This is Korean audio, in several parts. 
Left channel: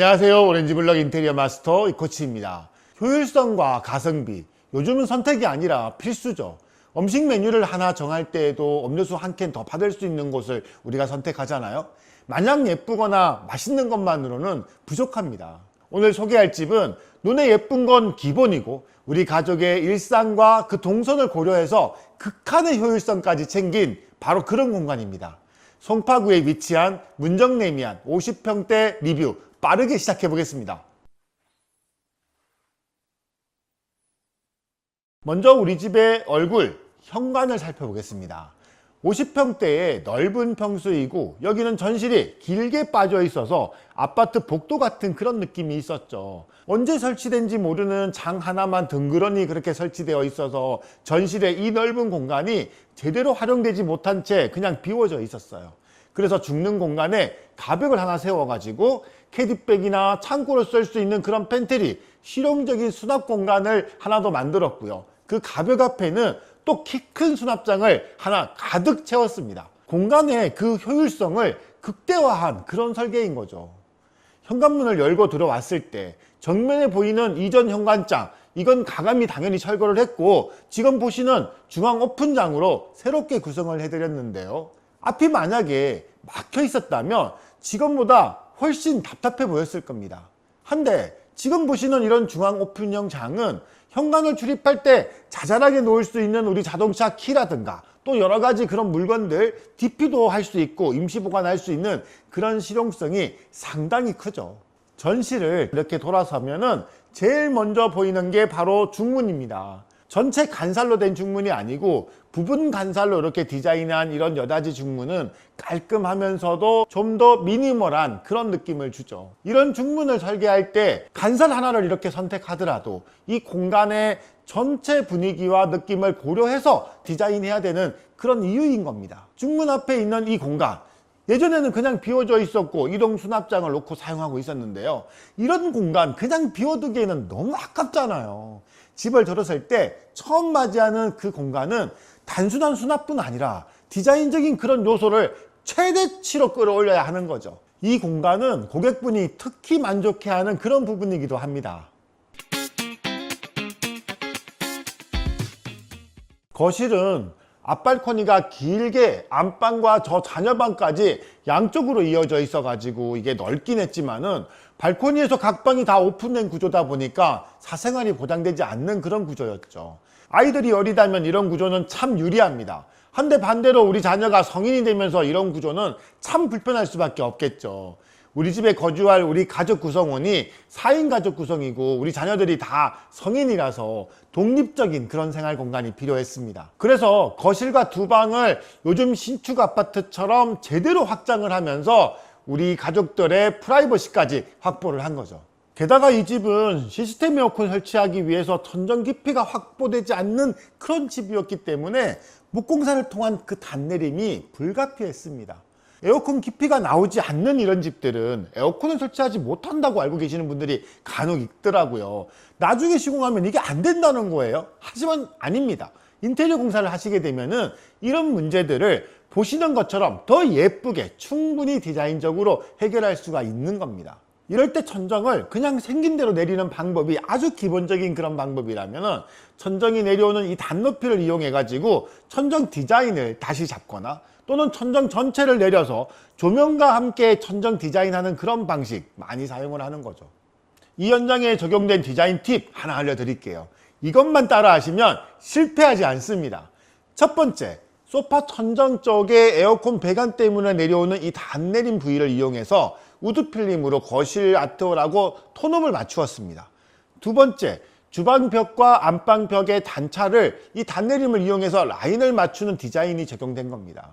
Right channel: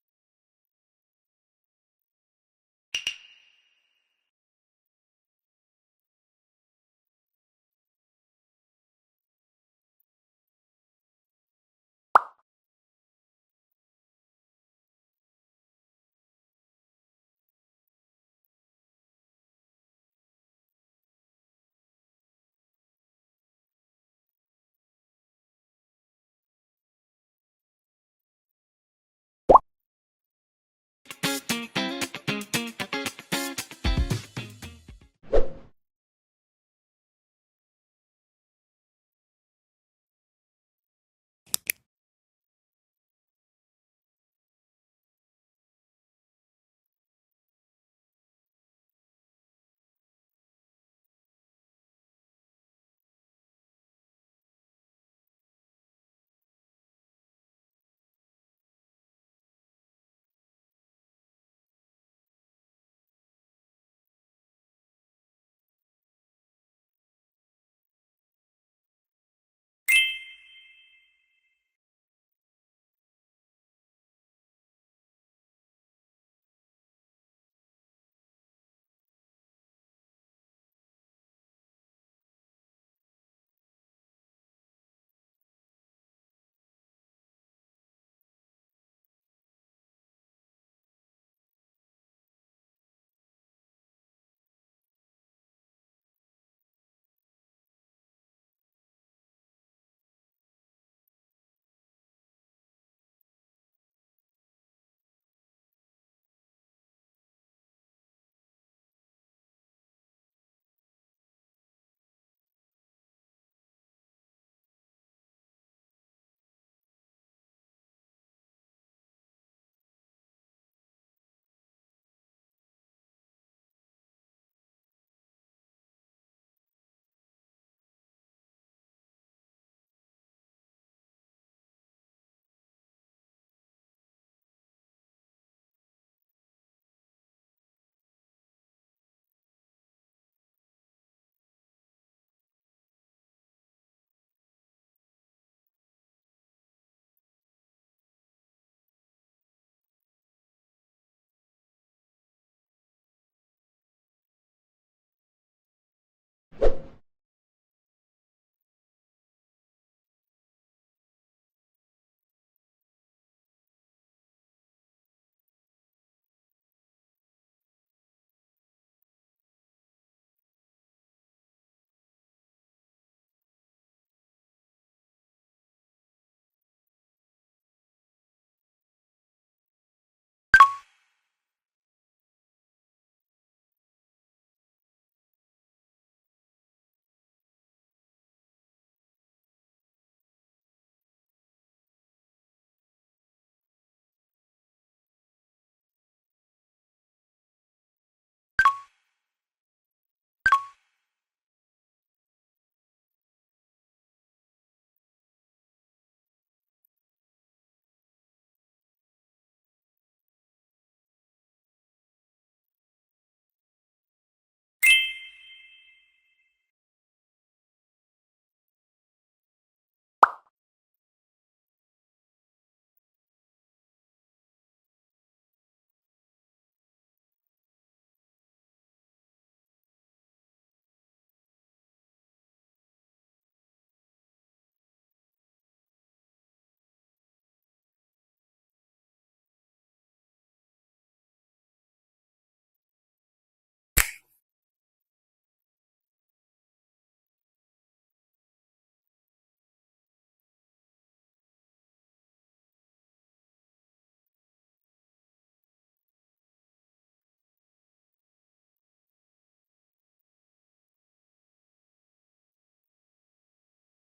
안녕하세요. 오렌지블럭 인테리어 마스터 이코치입니다. 효율성과 가성비, 요즘은 선택이 아니라 필수죠. 음식 메뉴를 하나 정할 때에도 음료수 한 캔 더 받을 수 있는 곳을 우리가 선택하잖아요. 마냥 예쁘거나 맛있는 것만으로는 부족합니다. 오늘 소개할 집은 눈에 예쁜 건 기본이고 우리 가족의 일상과 그 동선을 고려해서 극한의 효율성까지 챙긴 바로 그런 공간입니다. 송파구에 위치한 문정레미안 50평대 리뷰 빠르게 시작해 보겠습니다. 먼저 우리 집의 얼굴, 현관을 살펴보겠습니다. 50평대의 넓은 평수이고 여기는 전실이 길게 빠져 있어서 아파트 복도 같은 그런 느낌이 있었죠. 언제 설치된지 모르는 장 하나만 덩그러니 그렇게 설치되어 있어서 전실의 이 넓은 공간이 제대로 활용되지 못한 채 그냥 비워져 있었어요. 그래서 죽는 공간에 가벽을 하나 세워가지고 캐디백이나 창고를 쓸 수 있는 그런 팬트리, 실용적인 수납 공간을 하나 더 만들었고요. 그 가벽 앞에는 또 키 큰 수납장을 하나 가득 채웠습니다. 공간의 그 효율성을 극대화한 그런 설계인 거죠. 현관문을 열고 들어왔을 때 정면에 보이는 이전 현관장, 이건 가감이 당연히 철거를 했고 지금 보시는 중앙 오픈장으로 새롭게 구성을 해드렸는데요. 앞이 만약에 막혀 있었다면 지금보다 훨씬 답답해 보였을 겁니다. 한데 지금 보시는 이런 중앙 오픈형 장은 현관을 출입할 때 자잘하게 놓을 수 있는 우리 자동차 키라든가 또 여러 가지 그런 물건들 DP도 할 수 있고 임시 보관할 수 있는 그런 실용성이 상당히 크죠. 전실을 이렇게 돌아서면은 제일 먼저 보이는 게 바로 중문입니다. 전체 간살로 된 중문이 아니고 부분 간살로 이렇게 디자인한 이런 여닫이 중문은 깔끔하면서도 좀 더 미니멀한 그런 느낌을 주죠. 이런 중문을 설계할 때 간살 하나를 이렇게 선택하더라도 이 공간의 전체 분위기와 느낌을 고려해서 디자인해야 되는 그런 이유인 겁니다. 중문 앞에 있는 이 공간, 예전에는 그냥 비워져 있었고 이동 수납장을 놓고 사용하고 있었는데요. 이런 공간 그냥 비워두기에는 너무 아깝잖아요. 집을 들었을 때 처음 맞이하는 그 공간은 단순한 수납뿐 아니라 디자인적인 그런 요소를 최대치로 끌어올려야 하는 거죠. 이 공간은 고객분이 특히 만족해하는 그런 부분이기도 합니다. 거실은 앞발코니가 길게 안방과 저 자녀방까지 양쪽으로 이어져 있어 가지고 이게 넓긴 했지만은 발코니에서 각 방이 다 오픈된 구조다 보니까 사생활이 보장되지 않는 그런 구조였죠. 아이들이 어리다면 이런 구조는 참 유리합니다. 한데 반대로 우리 자녀가 성인이 되면서 이런 구조는 참 불편할 수밖에 없겠죠. 우리 집에 거주할 우리 가족 구성원이 4인 가족 구성이고 우리 자녀들이 다 성인이라서 독립적인 그런 생활 공간이 필요했습니다. 그래서 거실과 두 방을 요즘 신축 아파트처럼 제대로 확장을 하면서 우리 가족들의 프라이버시까지 확보를 한 거죠. 게다가 이 집은 시스템 에어컨 설치하기 위해서 천정 깊이가 확보되지 않는 그런 집이었기 때문에 목공사를 통한 그 단내림이 불가피했습니다. 에어컨 깊이가 나오지 않는 이런 집들은 에어컨을 설치하지 못한다고 알고 계시는 분들이 간혹 있더라고요. 나중에 시공하면 이게 안 된다는 거예요. 하지만 아닙니다. 인테리어 공사를 하시게 되면은 이런 문제들을 보시는 것처럼 더 예쁘게 충분히 디자인적으로 해결할 수가 있는 겁니다. 이럴 때 천정을 그냥 생긴 대로 내리는 방법이 아주 기본적인 그런 방법이라면 천정이 내려오는 이 단높이를 이용해 가지고 천정 디자인을 다시 잡거나 또는 천정 전체를 내려서 조명과 함께 천정 디자인하는 그런 방식 많이 사용을 하는 거죠. 이 현장에 적용된 디자인 팁 하나 알려드릴게요. 이것만 따라 하시면 실패하지 않습니다. 첫 번째, 소파 천정 쪽에 에어컨 배관 때문에 내려오는 이 단내림 부위를 이용해서 우드 필름으로 거실 아트월하고 톤업을 맞추었습니다. 두 번째, 주방벽과 안방벽의 단차를 이 단내림을 이용해서 라인을 맞추는 디자인이 적용된 겁니다.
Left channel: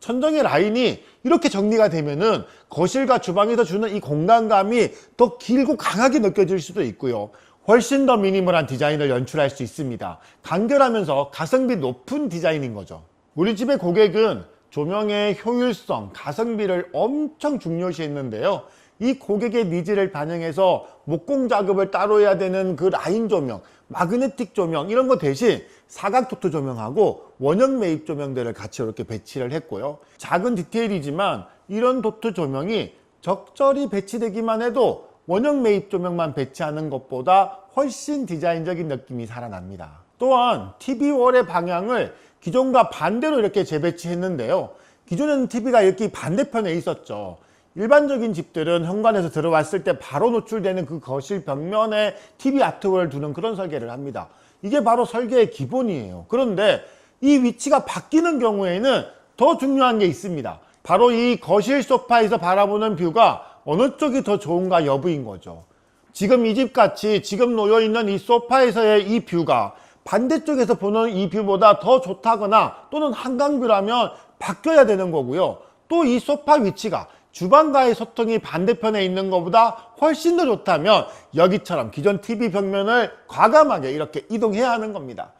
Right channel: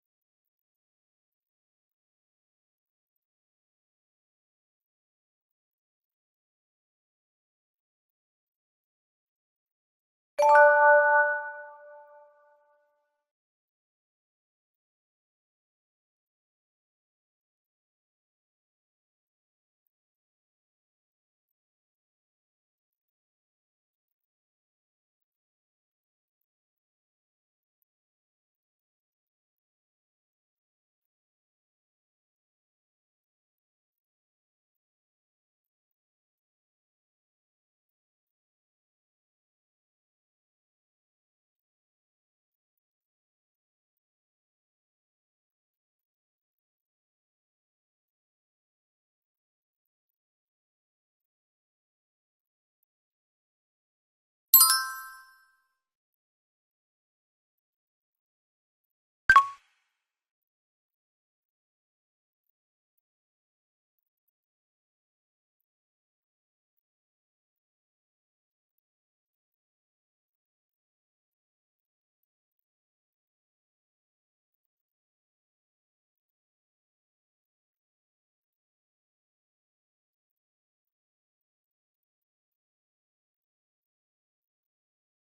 천정의 라인이 이렇게 정리가 되면은 거실과 주방에서 주는 이 공간감이 더 길고 강하게 느껴질 수도 있고요. 훨씬 더 미니멀한 디자인을 연출할 수 있습니다. 간결하면서 가성비 높은 디자인인 거죠. 우리 집의 고객은 조명의 효율성, 가성비를 엄청 중요시했는데요. 이 고객의 니즈를 반영해서 목공 작업을 따로 해야 되는 그 라인 조명, 마그네틱 조명 이런 거 대신 사각 도트 조명하고 원형 매입 조명들을 같이 이렇게 배치를 했고요. 작은 디테일이지만 이런 도트 조명이 적절히 배치되기만 해도 원형 매입 조명만 배치하는 것보다 훨씬 디자인적인 느낌이 살아납니다. 또한 TV월의 방향을 기존과 반대로 이렇게 재배치했는데요. 기존에는 TV가 이렇게 반대편에 있었죠. 일반적인 집들은 현관에서 들어왔을 때 바로 노출되는 그 거실 벽면에 TV 아트월을 두는 그런 설계를 합니다. 이게 바로 설계의 기본이에요. 그런데 이 위치가 바뀌는 경우에는 더 중요한 게 있습니다. 바로 이 거실 소파에서 바라보는 뷰가 어느 쪽이 더 좋은가 여부인 거죠. 지금 이 집 같이 지금 놓여 있는 이 소파에서의 이 뷰가 반대쪽에서 보는 이 뷰보다 더 좋다거나 또는 한강뷰라면 바뀌어야 되는 거고요. 또 이 소파 위치가 주방과의 소통이 반대편에 있는 것보다 훨씬 더 좋다면 여기처럼 기존 TV 벽면을 과감하게 이렇게 이동해야 하는 겁니다.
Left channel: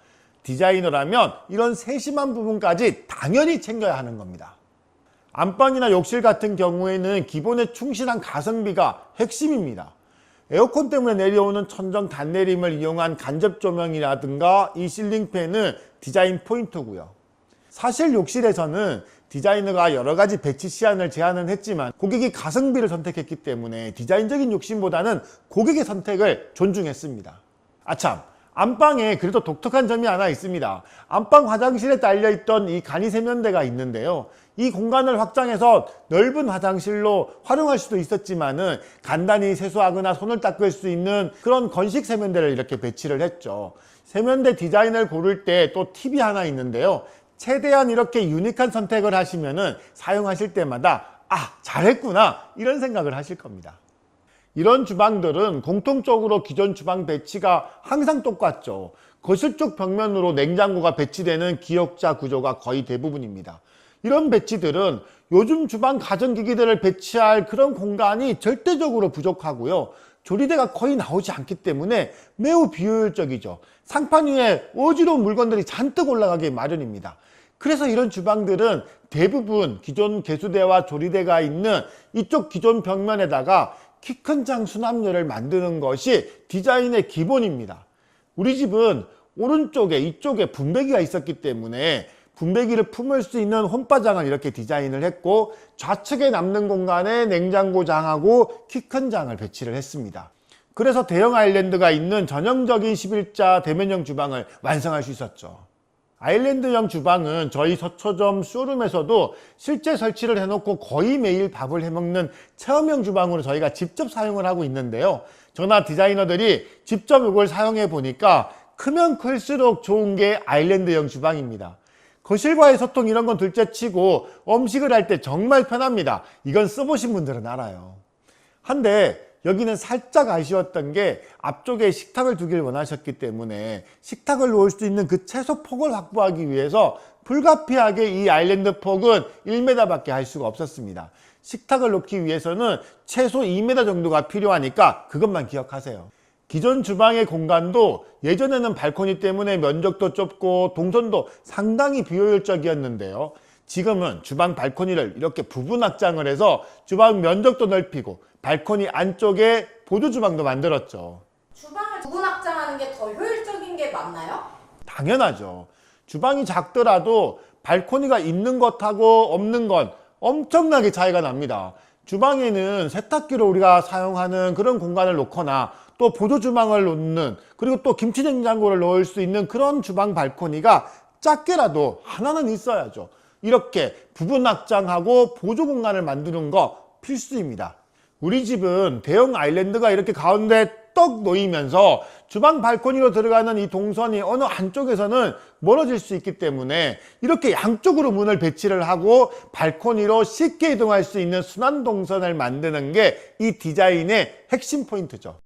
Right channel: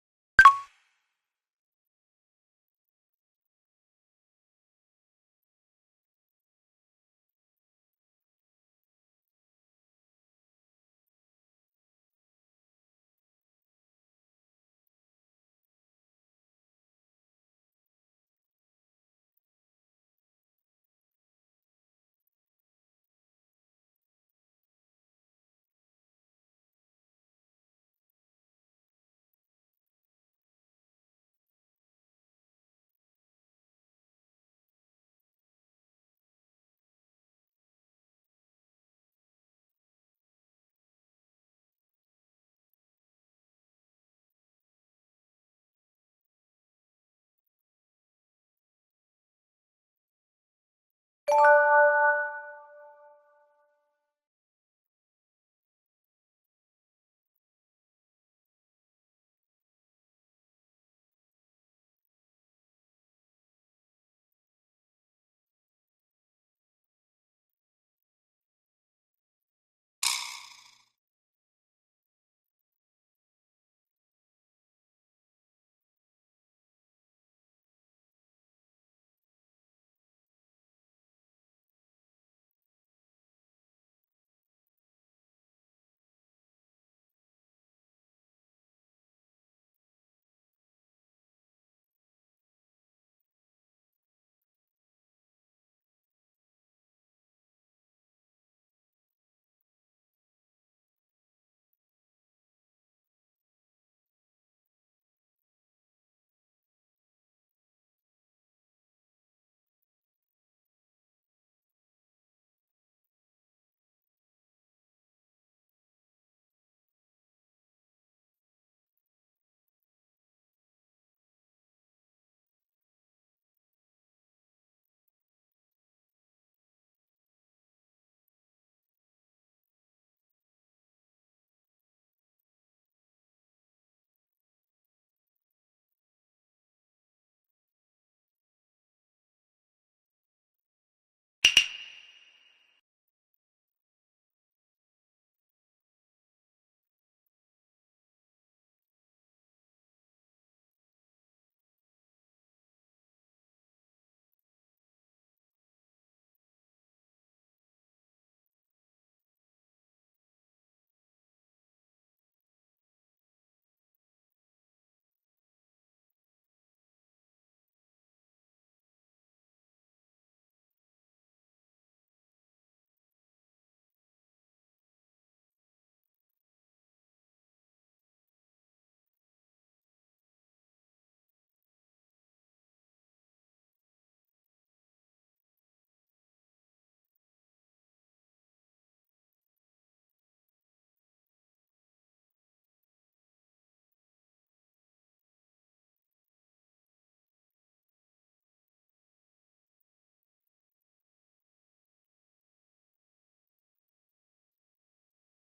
디자이너라면 이런 세심한 부분까지 당연히 챙겨야 하는 겁니다. 안방이나 욕실 같은 경우에는 기본에 충실한 가성비가 핵심입니다. 에어컨 때문에 내려오는 천정 단내림을 이용한 간접 조명이라든가 이 실링팬은 디자인 포인트고요. 사실 욕실에서는 디자이너가 여러 가지 배치 시안을 제안은 했지만 고객이 가성비를 선택했기 때문에 디자인적인 욕심보다는 고객의 선택을 존중했습니다. 아참, 안방에 그래도 독특한 점이 하나 있습니다. 안방 화장실에 딸려있던 이 간이 세면대가 있는데요. 이 공간을 확장해서 넓은 화장실로 활용할 수도 있었지만은 간단히 세수하거나 손을 닦을 수 있는 그런 건식 세면대를 이렇게 배치를 했죠. 세면대 디자인을 고를 때 또 팁이 하나 있는데요. 최대한 이렇게 유니크한 선택을 하시면은 사용하실 때마다 잘했구나 이런 생각을 하실 겁니다. 이런 주방들은 공통적으로 기존 주방 배치가 항상 똑같죠. 거실 쪽 벽면으로 냉장고가 배치되는 기역자 구조가 거의 대부분입니다. 이런 배치들은 요즘 주방 가전기기들을 배치할 그런 공간이 절대적으로 부족하고요. 조리대가 거의 나오지 않기 때문에 매우 비효율적이죠. 상판 위에 어지러운 물건들이 잔뜩 올라가기 마련입니다. 그래서 이런 주방들은 대부분 기존 개수대와 조리대가 있는 이쪽 기존 벽면에다가 키 큰 장 수납열을 만드는 것이 디자인의 기본입니다. 우리 집은 오른쪽에 이쪽에 분배기가 있었기 때문에 분배기를 품을 수 있는 홈바장을 이렇게 디자인을 했고 좌측에 남는 공간에 냉장고장하고 키 큰 장을 배치를 했습니다. 그래서 대형 아일랜드가 있는 전형적인 11자 대면형 주방을 완성할 수 있었죠. 아일랜드형 주방은 저희 서초점 쇼룸에서도 실제 설치를 해놓고 거의 매일 밥을 해먹는 체험형 주방으로 저희가 직접 사용을 하고 있는데요. 저나 디자이너들이 직접 이걸 사용해 보니까 크면 클수록 좋은 게 아일랜드형 주방입니다. 거실과의 소통 이런 건 둘째치고 음식을 할 때 정말 편합니다. 이건 써보신 분들은 알아요. 한데 여기는 살짝 아쉬웠던 게 앞쪽에 식탁을 두길 원하셨기 때문에 식탁을 놓을 수 있는 그 최소 폭을 확보하기 위해서 불가피하게 이 아일랜드 폭은 1m 밖에 할 수가 없었습니다. 식탁을 놓기 위해서는 최소 2m 정도가 필요하니까 그것만 기억하세요. 기존 주방의 공간도 예전에는 발코니 때문에 면적도 좁고 동선도 상당히 비효율적이었는데요. 지금은 주방 발코니를 이렇게 부분 확장을 해서 주방 면적도 넓히고 발코니 안쪽에 보조 주방도 만들었죠. 주방을 부분 확장하는 게 더 효율적인 게 맞나요? 당연하죠. 주방이 작더라도 발코니가 있는 것하고 없는 건 엄청나게 차이가 납니다. 주방에는 세탁기로 우리가 사용하는 그런 공간을 놓거나 또 보조 주방을 놓는 그리고 또 김치 냉장고를 넣을 수 있는 그런 주방 발코니가 작게라도 하나는 있어야죠. 이렇게 부분 확장하고 보조 공간을 만드는 거 필수입니다. 우리 집은 대형 아일랜드가 이렇게 가운데 떡 놓이면서 주방 발코니로 들어가는 이 동선이 어느 한쪽에서는 멀어질 수 있기 때문에 이렇게 양쪽으로 문을 배치를 하고 발코니로 쉽게 이동할 수 있는 순환 동선을 만드는 게 이 디자인의 핵심 포인트죠.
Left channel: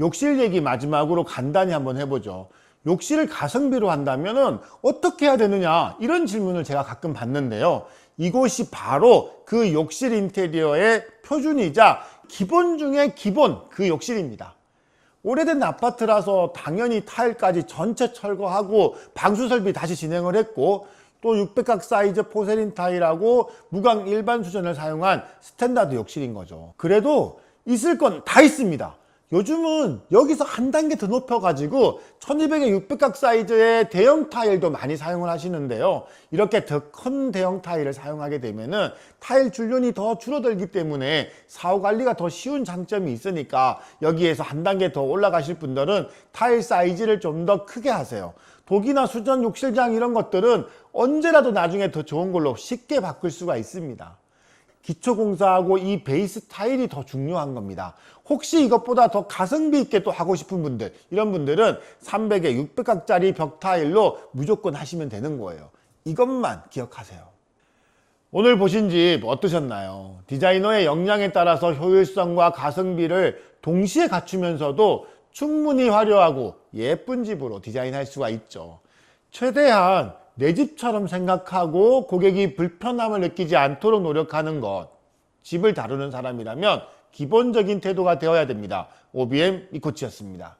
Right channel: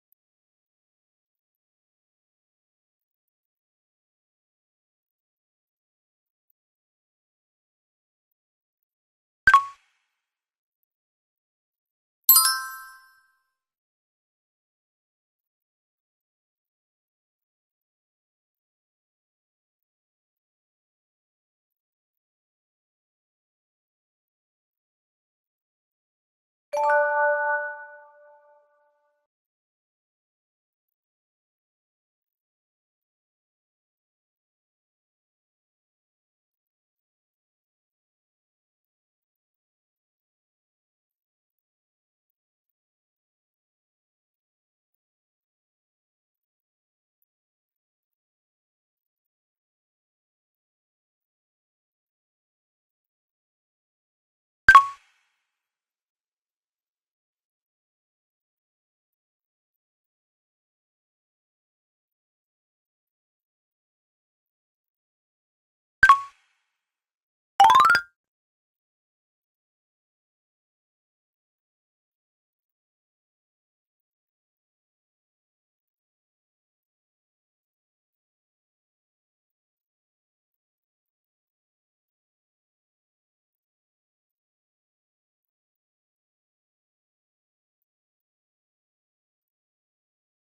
욕실 얘기 마지막으로 간단히 한번 해보죠. 욕실을 가성비로 한다면 어떻게 해야 되느냐 이런 질문을 제가 가끔 받는데요. 이곳이 바로 그 욕실 인테리어의 표준이자 기본 중에 기본 그 욕실입니다. 오래된 아파트라서 당연히 타일까지 전체 철거하고 방수 설비 다시 진행을 했고 또 600각 사이즈 포세린 타일하고 무광 일반 수전을 사용한 스탠다드 욕실인 거죠. 그래도 있을 건 다 있습니다. 요즘은 여기서 한 단계 더 높여가지고 1200에 600각 사이즈의 대형 타일도 많이 사용을 하시는데요. 이렇게 더 큰 대형 타일을 사용하게 되면은 타일 줄눈이 더 줄어들기 때문에 사후 관리가 더 쉬운 장점이 있으니까 여기에서 한 단계 더 올라가실 분들은 타일 사이즈를 좀 더 크게 하세요. 독이나 수전, 욕실장 이런 것들은 언제라도 나중에 더 좋은 걸로 쉽게 바꿀 수가 있습니다. 기초공사하고 이 베이스 타일이 더 중요한 겁니다. 혹시 이것보다 더 가성비 있게 또 하고 싶은 분들, 이런 분들은 300에 600각짜리 벽 타일로 무조건 하시면 되는 거예요. 이것만 기억하세요. 오늘 보신 집 어떠셨나요? 디자이너의 역량에 따라서 효율성과 가성비를 동시에 갖추면서도 충분히 화려하고 예쁜 집으로 디자인할 수가 있죠. 최대한 내 집처럼 생각하고 고객이 불편함을 느끼지 않도록 노력하는 것, 집을 다루는 사람이라면 기본적인 태도가 되어야 됩니다. OBM 이코치였습니다.